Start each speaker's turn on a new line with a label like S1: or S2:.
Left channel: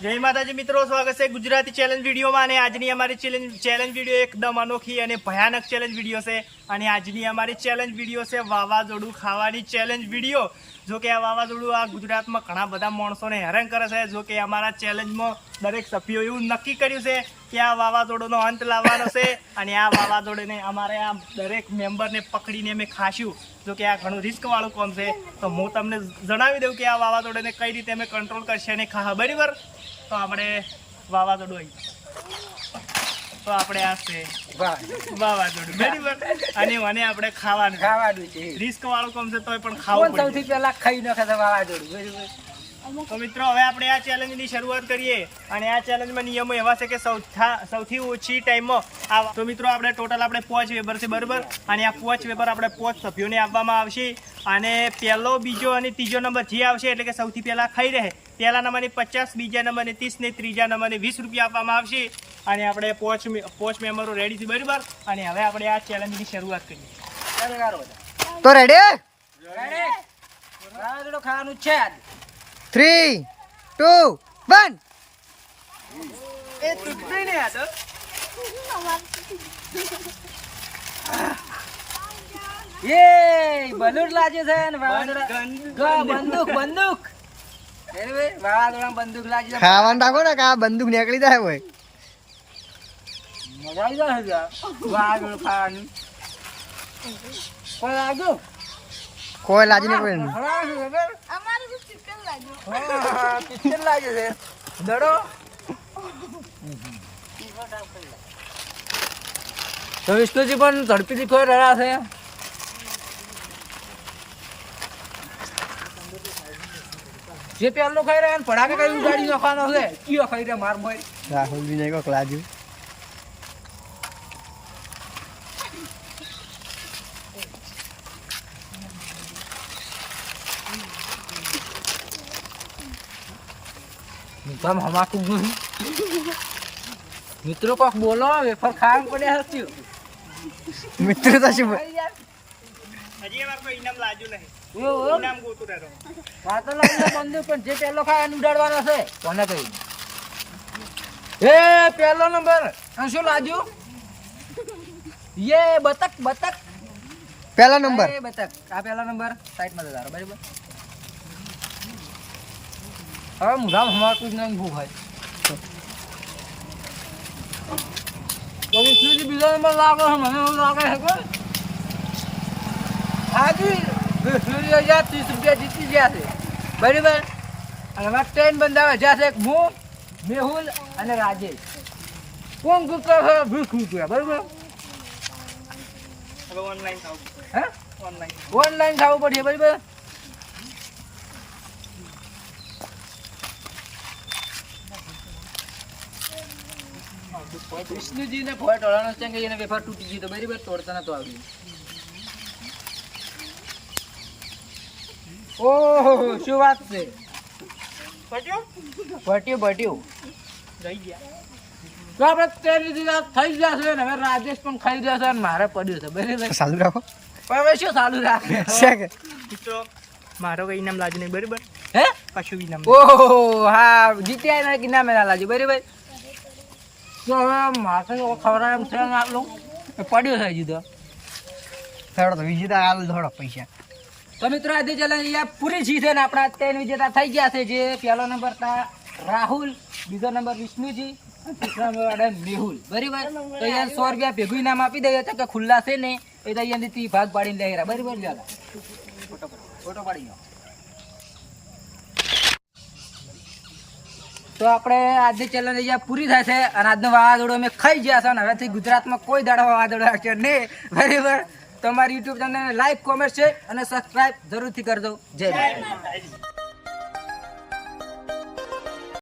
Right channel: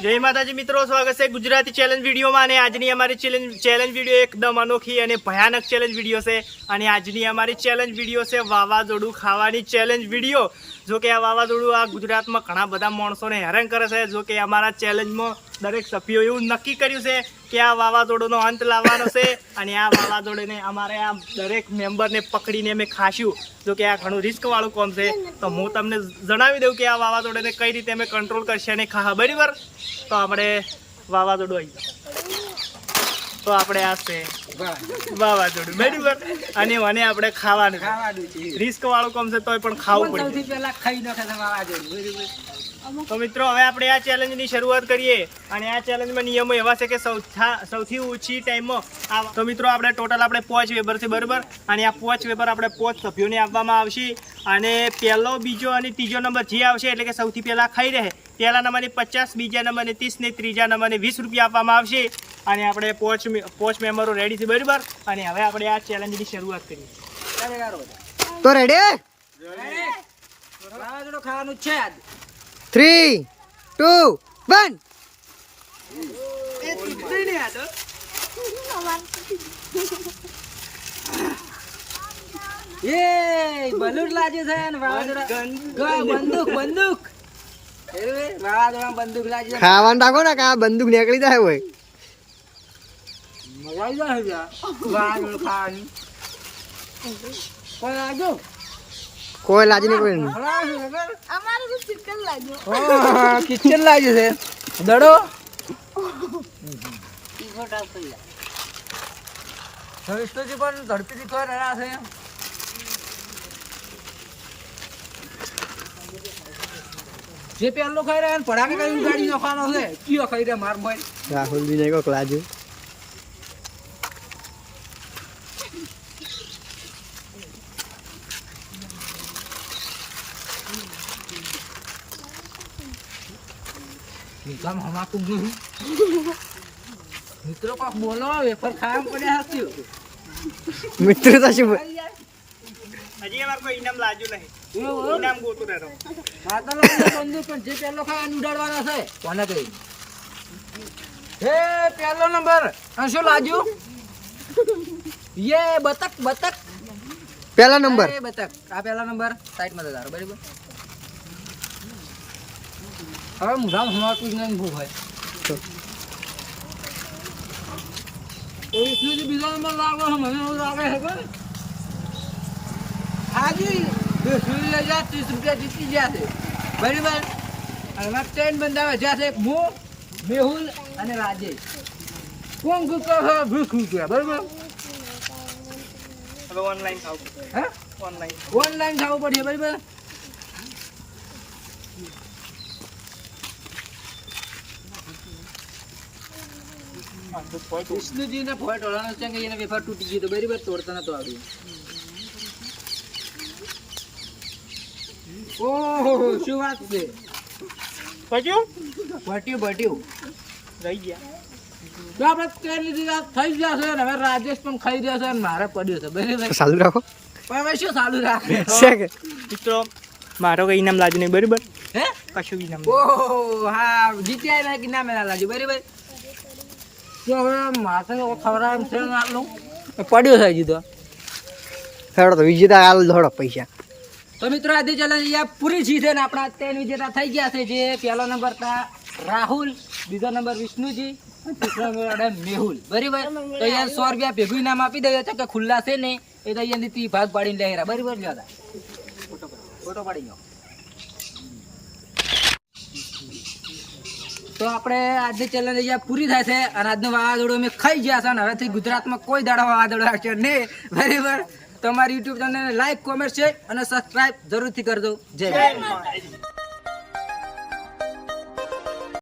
S1: જય માતાજી મિત્રો, સ્વાગત છે ગુજરાતી ચેલેન્જ વિડીયોમાં અને આજની અમારી ચેલેન્જ ચેલેન્જ વીડિયો એકદમ અનોખી અને ભયાનક ચેલેન્જ વીડિયો છે. અને આજની અમારી ચેલેન્જ વીડિયો છે વાવાઝોડું ખાવાની ચેલેન્જ વીડિયો જો કે આ વાવાઝોડું આ ગુજરાતમાં ઘણા બધા માણસોને હેરાન કરે છે. જો કે અમારા ચેલેન્જમાં દરેક સભ્યો એવું નક્કી કર્યું છે કે આ વાવાઝોડુંનો અંત લાવવાનો છે અને આ વાવાઝોડાને અમારે આ દરેક મેમ્બરને પકડીને અમે ખાશું જો કે આ ઘણું રિસ્કવાળું કોમ છે. તો હું તમને જણાવી દઉં કે આ વાવાઝોડાને કઈ રીતે અમે કંટ્રોલ કરશે અને ખા બરાબર? તો આપણે વાવાઝોડું આવી તો આપણે આ છે વાવાઝોડું. બરાબર? અને મને આપણે ખાવાનું
S2: ખાવાનું છે.
S1: રિસ્ક વાળું કોમ છે તોય પણ ખાવું
S2: સૌથી પહેલા ખાઈ નાખે વાવાઝોડું? બરાબર?
S1: તો મિત્રો હવે આપણે આ ચેલેન્જની શરૂઆત કરીએ. અને આ ચેલેન્જમાં નિયમો એવા છે કે સૌથા સૌથી ઓછી ટાઈમમાં આ તો મિત્રો આપણે ટોટલ આપણે પાંચ વેબર છે બરાબર? અને આ પાંચ વેબર આપણે પાંચ સભ્યોને આપવામાં આવશે. અને પહેલો બીજો અને ત્રીજો નંબર જે આવશે એટલે કે સૌથી પહેલાં ખાઈ રહે. પહેલા નંબરની પચાસ બીજા નંબરને ત્રીસ ને ત્રીજા નંબરને વીસ રૂપિયા આપવામાં આવશે. અને આપણે પાંચ પોચ મેમ્બરો રેડી છે બરાબર? અને હવે આપણે આ ચેલેન્જની શરૂઆત કરીએ.
S3: તો રેડી?
S2: ખાવાનું છે આજ.
S3: થ્રી ટુ વન
S2: એ બલૂન લાગ્યું છે ને વાવાઝોડા બંદૂક. બંદૂક? વાવાઝોડામાં બંદૂક લાગી છે.
S3: ખાવાનું રાખો ને કે આ બંદૂક નીકળી જાય હોય.
S2: મજા આવી જાય વાવાઝોડું ખાવાની. કોઈ લાગ્યું
S3: કોઈ લાજી નહીં કોઈ?
S4: અમારે તો કિચન લાગ્યો.
S2: કિચન લાગ્યું છે. દડો. તો વિષ્ણુજી પણ ઝડપીથી ખોઈ રહ્યા છે. જે પહેલો ખાઈ રહ્યા ને પડાકે કઈ ઉગાડી નાખવાનો છે? કયો ખાઈ રહ્યા માર ભાઈ
S3: રાહુલ બી નહીં કોક લાજુ
S2: મિત્રમ હમાકું નહીં મિત્રો કોક બોલો વેફર ખાવા પડે હસ્યું
S3: મિત્રો તો શું
S1: હજી વાર કોઈ ઇનામ લાજુ નહીં. ઇનામ ગોતું રહેતો
S2: વાતો લાવીને બંદૂક પણ જે પહેલો ખાય ઉડાડવાનો છે. કોને કહી હે પહેલો નંબર. આ શું લાગ્યું? યે બતક બતક.
S3: પહેલા નંબર.
S2: એ બતક. આ પહેલા નંબર. સાઈડમાં તારો બરાબર? હવે મુધામ હમણાં જ નહીં ભૂખ હોય. તો વિષ્ણુજી બીજો નંબર લાગે છે મને એવું લાગે છે કે હાજી વિષ્ણુજી હજાર ત્રીસ રૂપિયા જીતી ગયા છે. બરાબર? અને એમાં ત્રણ બંધા જ્યાં છે એક હું મેહુલ અને રાજેશ. કોણ કહે છે? રૂપિયા બરાબર?
S1: હવે ઓનલાઈન ખાવું
S2: હે?
S1: ઓનલાઈન
S2: ઓનલાઈન ખાવું પડશે બરાબર? વિષ્ણુજીને ફોય ટોળાનો છે કે એને વેફર તૂટી ગયું તો બરાબર તોડતા નતો આવ્યું ઓહો શું વાત છે?
S1: કજુ
S2: ભટ્યું ભટ્યું.
S1: રહી ગયા.
S2: તો આપણે ટ્રેન લીધી થઈ ગયા છે ને. હવે રાજેશ પણ ખાઈ રહ્યા છે અને મારે પડ્યું છે. બરાબર?
S3: ચાલુ રાખો.
S2: પણ હવે શું ચાલુ રાખે?
S3: છે કે?
S1: મિત્રો મારો કઈ ઇનામ લાગ્યું નહીં બરાબર?
S2: હે?
S1: કશું ઇનામ
S2: ઓહો હા જીત્યા ના કે ના મેળા લાજી બરાબર? તો હવે માથે ખવડાવે એમ છે આટલું? પડ્યું છે હજી તો.
S3: હેડો તો વિજેતા હાલ ધોડો પૈસા.
S2: તો મિત્રો આજે અહીંયા પૂરી જીતે ને આપણા ત્રણ વિજેતા થઈ ગયા છે જે પહેલો નંબર હતા રાહુલ બીજો નંબર વિષ્ણુજી ત્રીજો નંબર મેહુલ. બરાબર? તો અહીંયા સો રૂપિયા ભેગું નામ આપી દઈએ તો કે ખુલ્લા છે ને એ તો અહીંયાથી ભાગ પાડીને લઈ રહ્યા બરાબર લ્યો ફોટો પાડો ફોટો પાડી લો તો આપણે આજની ચેલેન્જ અહીંયા પૂરી થાય છે અને આજનો વાવાઝોડો અમે ખાઈ ગયા છે અને હવેથી ગુજરાતમાં કોઈ દાડો વાવાઝોડો આવશે નહીં. બરાબર? તમારી યુટ્યુબ ચેનલને લાઈક કોમેન્ટ છે અને સબસ્ક્રાઇબ જરૂરથી કરજો. જય માતા